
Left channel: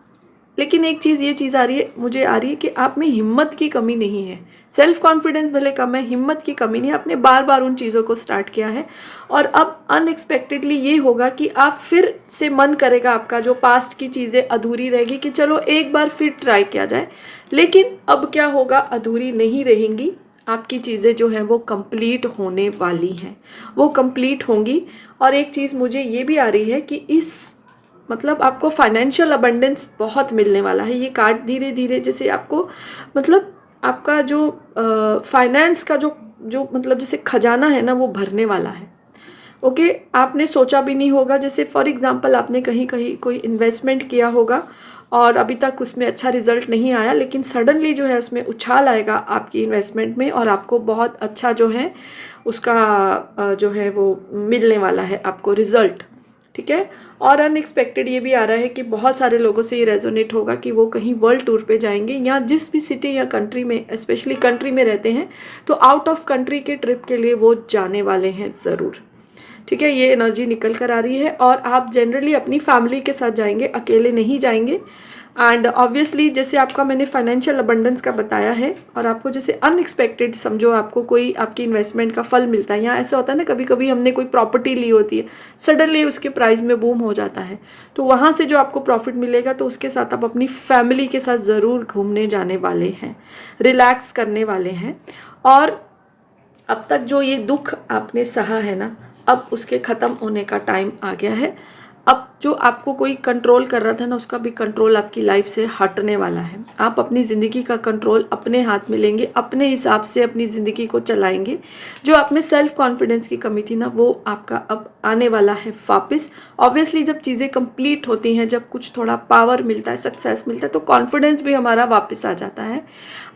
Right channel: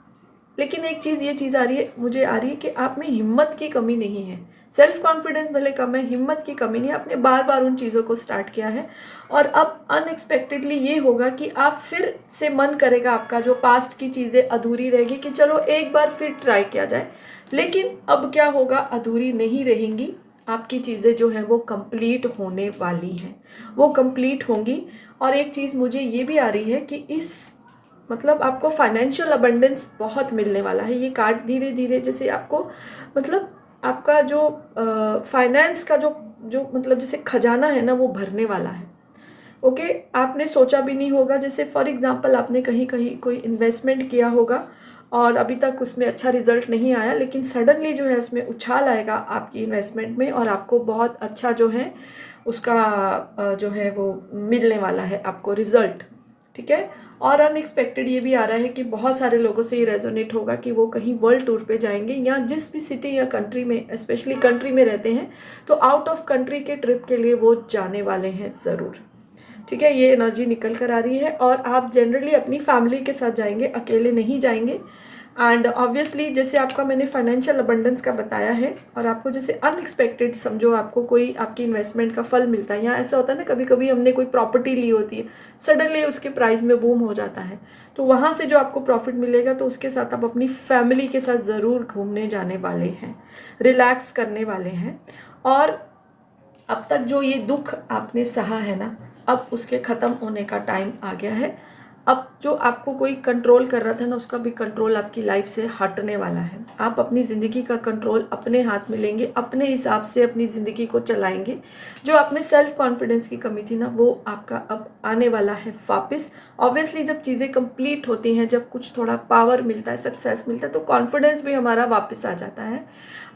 लेकिन एक चीज़, ये चीज़ आ रही है, मुझे आ रही है कि आप में हिम्मत की कमी नहीं है। सेल्फ कॉन्फिडेंस भले कम है, हिम्मत की कमी नहीं है। आपने बार बार उन चीज़ों को स्टार्ट किया है, और अब अनएक्सपेक्टेडली ये होगा कि आप फिर से मन करेगा आपका, जो पास्ट की चीज़ें अधूरी रहेगी, कि चलो एक बार फिर ट्राई किया जाए। लेकिन अब क्या होगा, अधूरी नहीं रहेंगी, आपकी चीज़ें जो हैं वो कंप्लीट होने वाली हैं, वो कंप्लीट होंगी। और एक चीज़ मुझे ये भी आ रही है कि इस मतलब आपको फाइनेंशियल अबंडेंस बहुत मिलने वाला है। ये कार्ड धीरे धीरे जैसे आपको मतलब आपका जो फाइनेंस का जो जो मतलब जैसे खजाना है ना, वो भरने वाला है। ओके, आपने सोचा भी नहीं होगा, जैसे फॉर एग्जांपल आपने कहीं कहीं कोई इन्वेस्टमेंट किया होगा और अभी तक उसमें अच्छा रिजल्ट नहीं आया, लेकिन सडनली जो है उसमें उछाल आएगा आपकी इन्वेस्टमेंट में, और आपको बहुत अच्छा जो है उसका जो है वो मिलने वाला है आपको रिजल्ट। ठीक है। और अनएक्सपेक्टेड ये भी आ रहा है कि बहुत सारे लोगों से ये रेजोनेट होगा कि वो कहीं वर्ल्ड टूर पे जाएंगे, या जिस भी सिटी या कंट्री में, स्पेशली कंट्री में रहते हैं, तो आउट ऑफ कंट्री के ट्रिप के लिए वो जाने वाले हैं ज़रूर। ठीक है, ये एनर्जी निकल कर आ रही है। और आप जनरली अपनी फैमिली के साथ जाएंगे, अकेले नहीं जाएंगे। एंड ऑब्वियसली जैसे आपका मैंने फाइनेंशियल अबंडेंस का बताया है, और आपको जैसे अनएक्सपेक्टेड समझो आपको कोई आपकी इन्वेस्टमेंट का फल मिलता है, या ऐसा होता है ना कभी कभी हमने कोई प्रॉपर्टी ली होती है, सडनली उसके प्राइस में बूम हो जाता है, तो वहाँ से जो आपको प्रॉफिट मिलेगा, तो उसके साथ आप अपनी फैमिली के साथ ज़रूर घूमने जाने वाले हैं, रिलैक्स करने वाले हैं। और अब तक जो ये दुख आपने सहा है ना, अब उसके ख़त्म होने का टाइम आ गया है। अब जो आपको कोई कंट्रोल कर रहा था ना, उसका भी कंट्रोल आपकी लाइफ से हटने वाला है। आप अपनी ज़िंदगी का कंट्रोल अपने हाथ में लेंगे, अपने हिसाब से अपनी ज़िंदगी को चलाएंगे। जो आप में सेल्फ कॉन्फिडेंस की कमी थी ना, वो आपका अब आने वाला है वापस। ऑब्वियसली जब चीज़ें कंप्लीट होती हैं, जब कुछ थोड़ा पावर मिलता है, सक्सेस मिलता है, तो कॉन्फिडेंस भी हमारा वापस आ जाता है।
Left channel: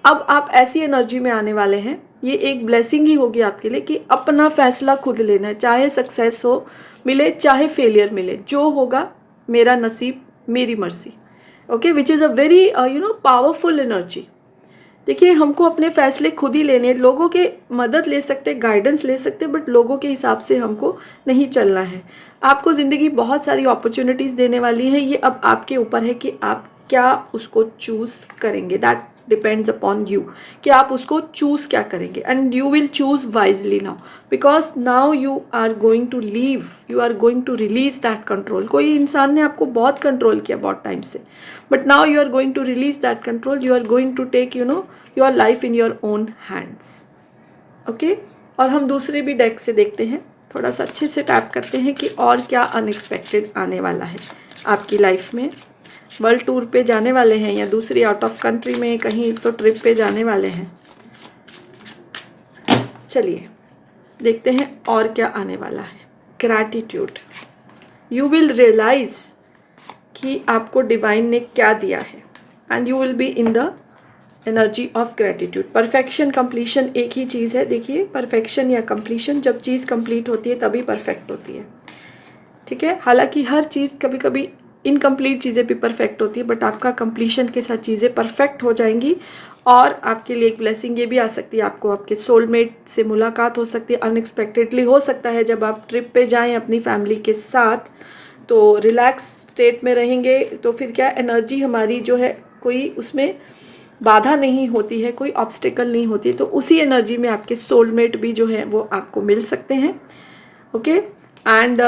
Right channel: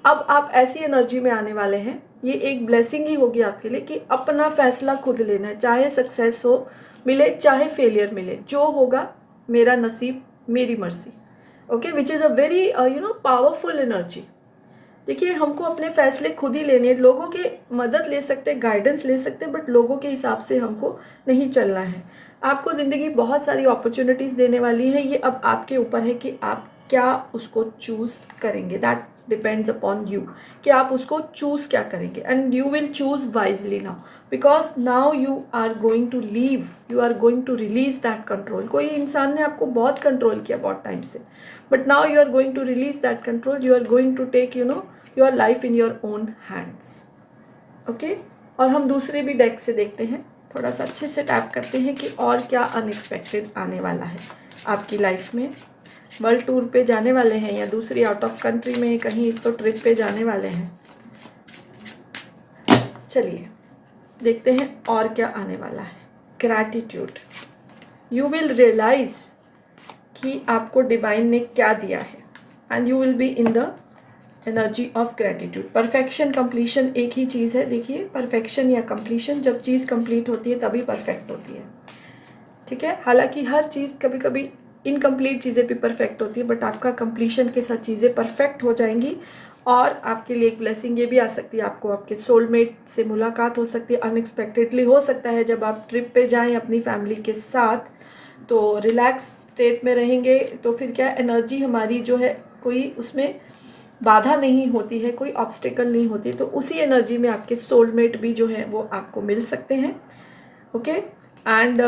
अब आप ऐसी एनर्जी में आने वाले हैं, ये एक ब्लेसिंग ही होगी आपके लिए, कि अपना फैसला खुद लेना है, चाहे सक्सेस हो मिले चाहे फेलियर मिले, जो होगा मेरा नसीब मेरी मर्जी। Okay, which is a very powerful energy. देखिए, हमको अपने फैसले खुद ही लेने, लोगों के मदद ले सकते, गाइडेंस ले सकते, बट लोगों के हिसाब से हमको नहीं चलना है। आपको ज़िंदगी बहुत सारी अपॉर्चुनिटीज़ देने वाली है, ये अब आपके ऊपर है कि आप क्या उसको चूज़ करेंगे। दैट डिपेंड्स अपॉन यू, कि आप उसको चूज़ क्या करेंगे। And you will choose wisely now, because now you are going to leave, you are going to release that control. कोई इंसान ने आपको बहुत कंट्रोल किया बहुत टाइम से, but now you are going to release that control, you are going to take your life in your own hands. Okay, और हम दूसरे भी डेक से देखते हैं, थोड़ा सा अच्छे से टैप करते हैं कि और क्या अनएक्सपेक्टेड आने वाला है आपकी लाइफ में। वर्ल्ड टूर पे जाने वाले हैं, या दूसरी आउट ऑफ कंट्री में कहीं तो ट्रिप पे जाने वाले हैं। चलिए देखते हैं और क्या आने वाला है। ग्रैटिट्यूड, यू विल रियलाइज कि आपको डिवाइन ने क्या दिया है, and you will be in the energy of gratitude. Perfection, completion एक ही चीज़ है। देखिए, परफेक्शन या कंप्लीशन, जब चीज़ कंप्लीट होती है तभी परफेक्ट होती है। ठीक है, हालांकि हर चीज़ कभी कभी इनकम्प्लीट चीज़ें भी परफेक्ट होती है, बट आपका कंप्लीशन के साथ चीज़ें परफेक्ट हो जाएंगी। और आपके लिए एक ब्लेसिंग ये भी आ सकती है, आपको आपके सोलमेट से मुलाकात हो सकती है, अनएक्सपेक्टेडली हो सकता है। जब आप ट्रिप पे जाएं अपनी फैमिली के साथ, तो रिलैक्स स्टेट में रहेंगे, तो फिर क्या एनर्जी हमारी जो है, कोई उसमें बाधा नहीं होती है, कोई ऑब्स्टिकल नहीं होती है, तो उसी एनर्जी में आपके सोलमेट भी जो है वो आपको मिल सकते हैं। ओके, एंड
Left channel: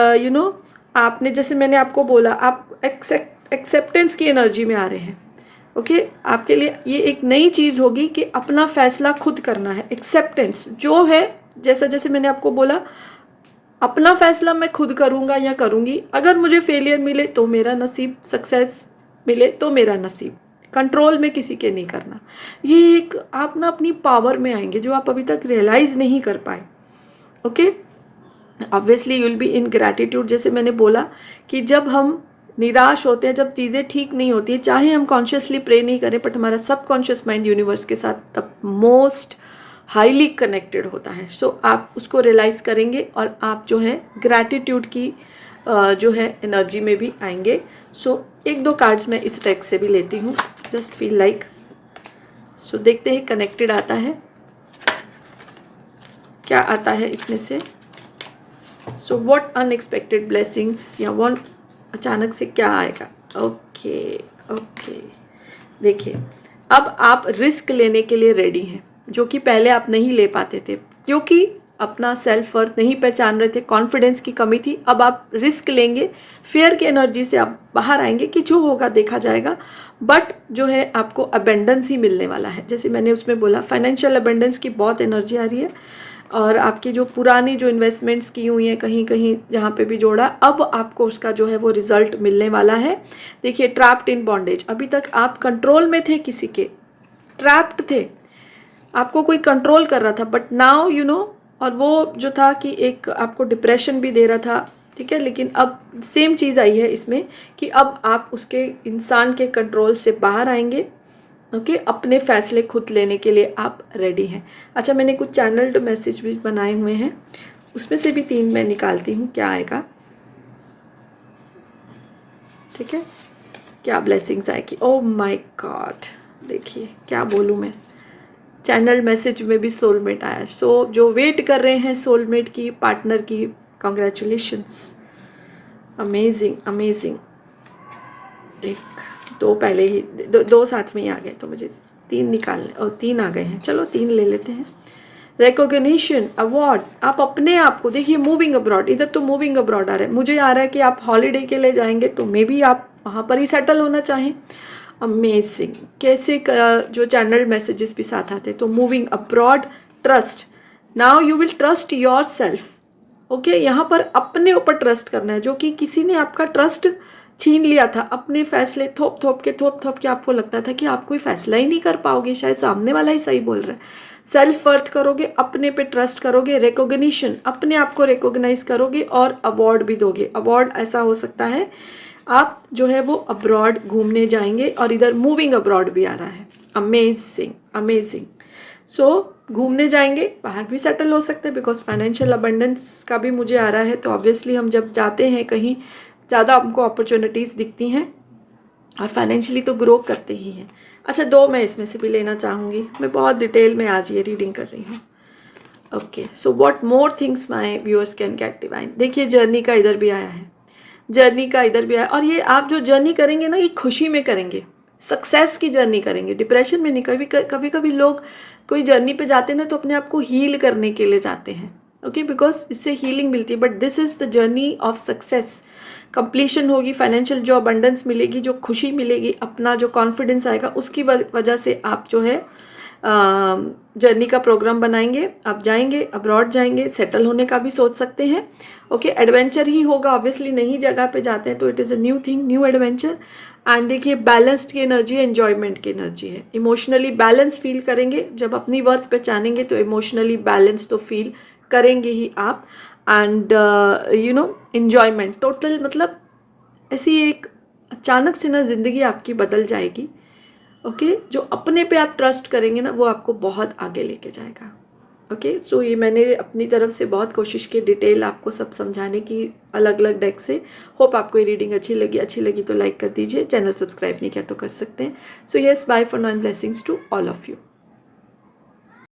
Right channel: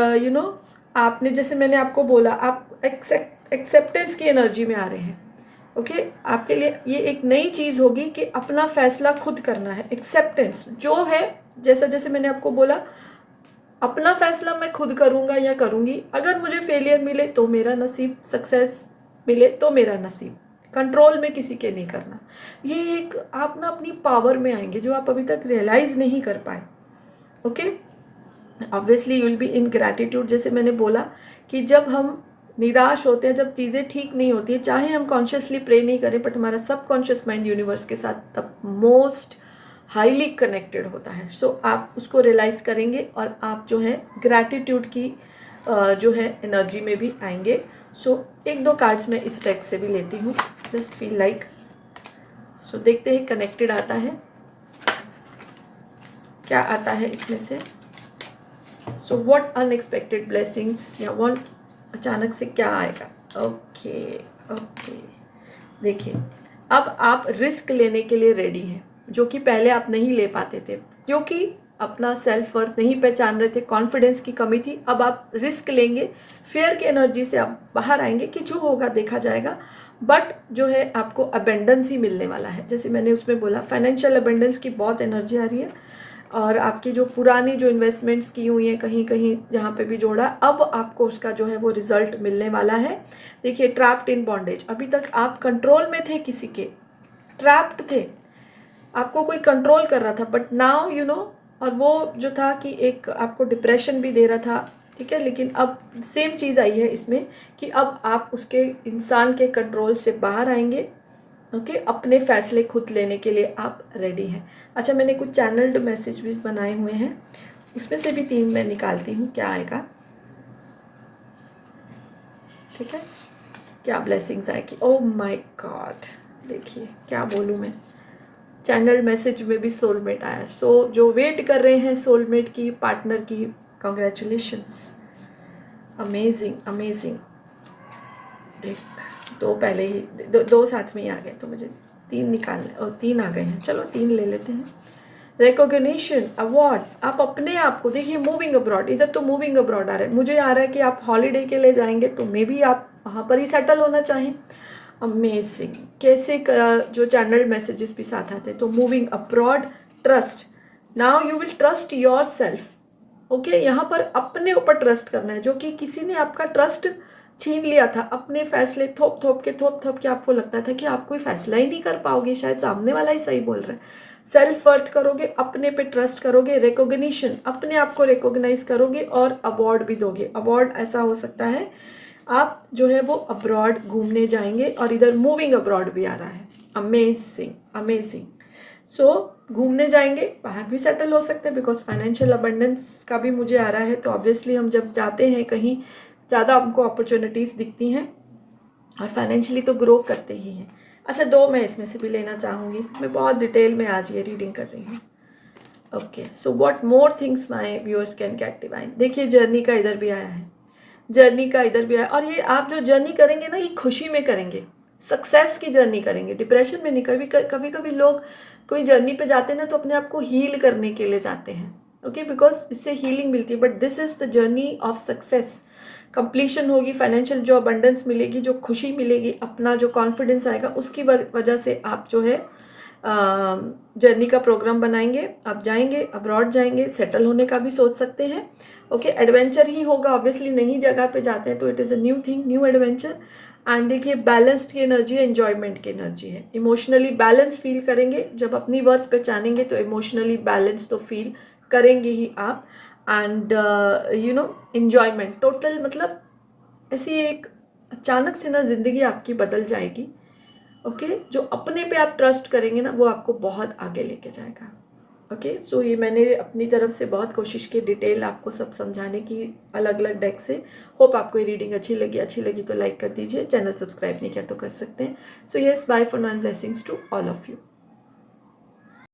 आपने, जैसे मैंने आपको बोला, आप एक्सेप्टेंस की एनर्जी में आ रहे हैं। ओके, आपके लिए ये एक नई चीज़ होगी कि अपना फैसला खुद करना है। एक्सेप्टेंस जो है, जैसा जैसे मैंने आपको बोला, अपना फैसला मैं खुद करूँगा या करूँगी। अगर मुझे फेलियर मिले तो मेरा नसीब, सक्सेस मिले तो मेरा नसीब, कंट्रोल में किसी के नहीं करना। ये एक आप ना अपनी पावर में आएंगे, जो आप अभी तक रियलाइज़ नहीं कर पाए। Okay, obviously you will be in gratitude. जैसे मैंने बोला कि जब हम निराश होते हैं, जब चीज़ें ठीक नहीं होती है, चाहे हम कॉन्शियसली प्रे नहीं करें, बट हमारा सबकॉन्शियस माइंड यूनिवर्स के साथ द मोस्ट हाईली कनेक्टेड होता है। सो आप उसको रियलाइज़ करेंगे और आप जो है ग्रैटिट्यूड की जो है एनर्जी में भी आएंगे। सो एक दो कार्ड्स मैं इस डेक से भी लेती हूँ, जस्ट फील लाइक। सो देखते हैं कनेक्टेड आता है, क्या आता है इसमें से। सो व्हाट अनएक्सपेक्टेड ब्लेसिंग्स, या वो अचानक से क्या आएगा। ओके ओके, देखिए अब आप रिस्क लेने के लिए रेडी हैं, जो कि पहले आप नहीं ले पाते थे क्योंकि अपना सेल्फ वर्थ नहीं पहचान रहे थे, कॉन्फिडेंस की कमी थी। अब आप रिस्क लेंगे, फियर की एनर्जी से आप बाहर आएंगे कि जो होगा देखा जाएगा, बट जो है आपको अबेंडेंस ही मिलने वाला है। जैसे मैंने उसमें बोला फाइनेंशियल अबेंडेंस की बहुत एनर्जी आ रही है, और आपकी जो पुरानी जो इन्वेस्टमेंट्स की हुई हैं कहीं कहीं जहाँ पे भी जोड़ा, अब आपको उसका जो है वो रिजल्ट मिलने वाला है। देखिए ट्रैप्ड इन बॉन्डेज, अभी तक आप कंट्रोल में थे किसी के, ट्रैप्ड थे, आपको कोई कंट्रोल कर रहा था, बट नाउ यू नो, और वो जो था कि एक आपको डिप्रेशन भी दे रहा था, ठीक है, लेकिन अब सेम चीज़ आई है इसमें कि अब आप उसके इंसान के कंट्रोल से बाहर आएंगे। ओके, अपने फैसले खुद लेने के लिए आप रेडी हैं। अच्छा, मैंने कुछ चैनल्ड मैसेज भी बनाए हुए हैं, उसमें से भी 3 मैं निकालती हूँ, क्या आएगा, ठीक है, क्या ब्लेसिंग्स आएगी। ओह माय गॉड, देखिए क्या बोलूँ मैं, चैनल मैसेज में भी सोलमेट आया। सो जो वेट कर रहे हैं सोलमेट की, पार्टनर की, कॉन्ग्रेचुलेशंस, अमेजिंग अमेजिंग। एक दो पहले ही दो साथ में ही आ गए, तो मुझे 3 निकालने, और 3 आ गए हैं, चलो 3 ले लेते हैं। रिकॉग्निशन, अवार्ड, आप अपने आप को देखिए, मूविंग अब्रॉड, इधर तो मूविंग अब्रॉड आ रहा है, मुझे आ रहा है कि आप हॉलीडे के लिए जाएंगे, तो मे बी आप वहाँ पर ही सेटल होना चाहें। अमेजिंग, कैसे जो चैनल मैसेजेस भी साथ आते हैं। तो moving abroad, trust, now you will trust your self. Okay, यहाँ पर अपने ऊपर ट्रस्ट करना है, जो कि किसी ने आपका ट्रस्ट छीन लिया था। अपने फैसले थोप थोप के आपको लगता था कि आप कोई फैसला ही नहीं कर पाओगे, शायद सामने वाला ही सही बोल रहा है। सेल्फ वर्थ करोगे, अपने पे ट्रस्ट करोगे, रिकॉग्निशन, अपने आप को रिकॉग्नाइज करोगे, और अवार्ड भी दोगे। अवार्ड ऐसा हो सकता है आप जो है वो अब्रॉड घूमने जाएंगे, और इधर मूविंग अब्रॉड भी आ रहा है। Amazing amazing. सो घूमने जाएंगे, बाहर भी सेटल हो सकते हैं, बिकॉज फाइनेंशियल अबंडेंस का भी मुझे आ रहा है। तो ऑब्वियसली हम जब जाते हैं कहीं, ज़्यादा हमको अपॉर्चुनिटीज़ दिखती हैं, और फाइनेंशियली तो ग्रो करते ही हैं। अच्छा, 2 मैं इसमें से भी लेना चाहूँगी, मैं बहुत डिटेल में आज ये रीडिंग कर रही हूँ। Okay, so what more things my viewers can get divine. देखिए जर्नी का इधर भी आया है, जर्नी का इधर भी आया, और ये आप जो जर्नी करेंगे ना, ये खुशी में करेंगे, सक्सेस की जर्नी करेंगे, डिप्रेशन में नहीं। कभी कभी लोग कोई जर्नी पे जाते हैं ना, तो अपने आप को हील करने के लिए जाते हैं, ओके, बिकॉज इससे हीलिंग मिलती है, but this is the journey of success. Completion होगी, फाइनेंशियल जो अबंडेंस मिलेगी, जो खुशी मिलेगी, अपना जो कॉन्फिडेंस आएगा, उसकी वजह से आप जो है जर्नी का प्रोग्राम बनाएंगे, आप जाएंगे, अब्रॉड जाएंगे, सेटल होने का भी सोच सकते हैं। ओके, एडवेंचर ही होगा, ऑब्वियसली नई जगह पे जाते हैं तो it is a new thing, new adventure. And देखिए बैलेंस्ड की एनर्जी है, एन्जॉयमेंट की एनर्जी है, इमोशनली बैलेंस फील करेंगे। जब अपनी वर्थ पहचानेंगे तो इमोशनली बैलेंस तो फील करेंगे ही आप। And you know enjoyment total, मतलब ऐसी एक अचानक से ना ज़िंदगी आपकी बदल जाएगी। ओके, जो अपने पे आप ट्रस्ट करेंगे ना, वो आपको बहुत आगे लेके जाएगा। ओके, सो ये मैंने अपनी तरफ से बहुत कोशिश की डिटेल आपको सब समझाने की, अलग अलग डेक से। होप आपको ये रीडिंग अच्छी लगी तो लाइक कर दीजिए, चैनल सब्सक्राइब नहीं किया तो कर सकते हैं। So yes, bye for now and blessings to all of you.